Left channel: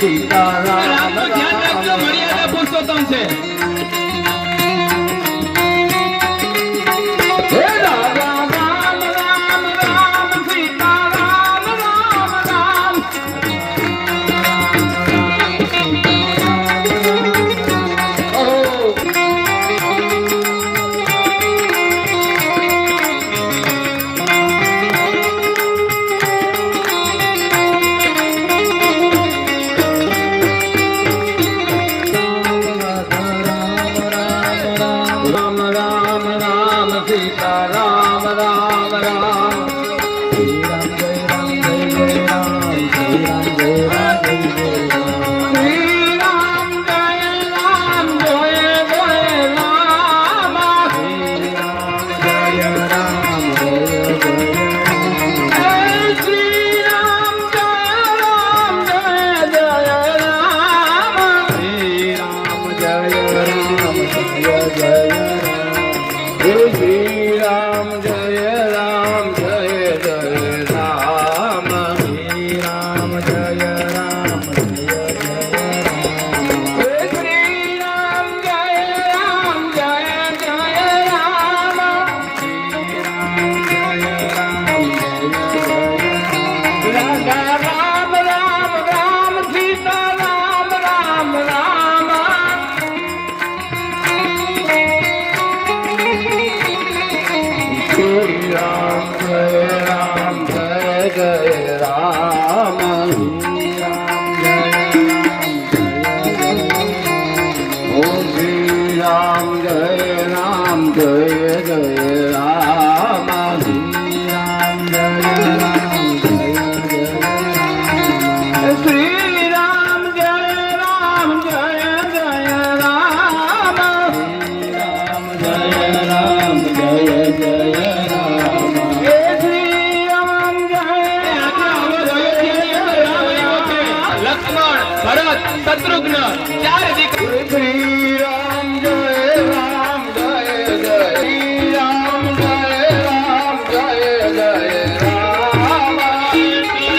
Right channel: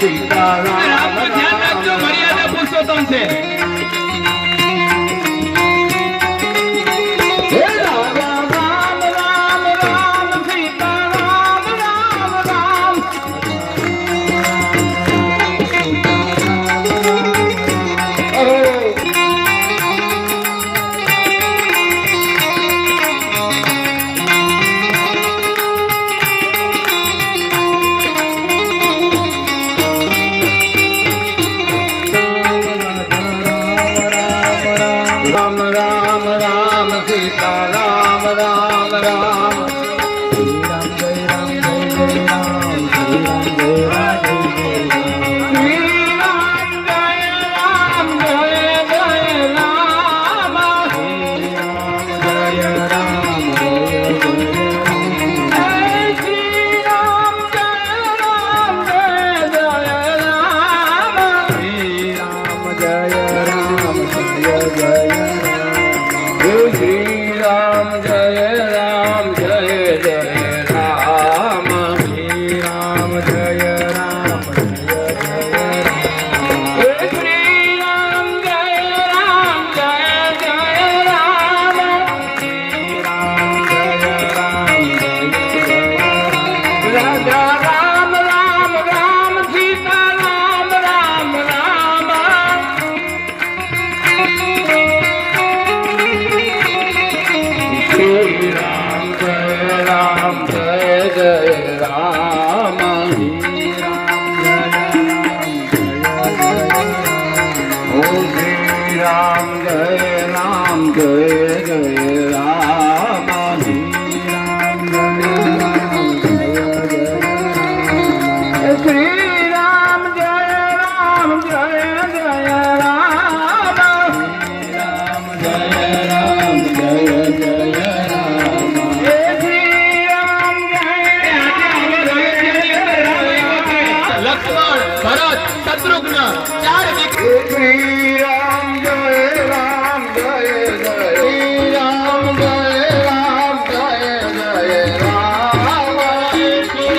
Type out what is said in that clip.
સીતારામ ધ્યાન રાખજો, મર્યાદા પુરુષોત્તમ છે. હે રામ રામ રામ રામ સીતારામ રામ રામ રામ રામ રામ સીતારામ રામ રામ શ્રી રામ જય રામ જય જય રામ શ્રી રામ જય રામ જય જય રામ શ્રી રામ જય રામ જય જય રામ શ્રી રામ જય રામ જય જય રામ શ્રી રામ જય રામ જય જય રામ શ્રી રામ જય રામ જય જય Shri Ram Jaya Ram Jaya Jaya Ram Shri Ram Jaya Ram Jaya Jaya Ram Shri Ram Jaya Ram Jaya Jaya Ram Shri Ram Jaya Ram Jaya Jaya Radha Ram Ram Ram Sita Ram Ram Ram Shri Ram Jai Ram Jai Jai Ram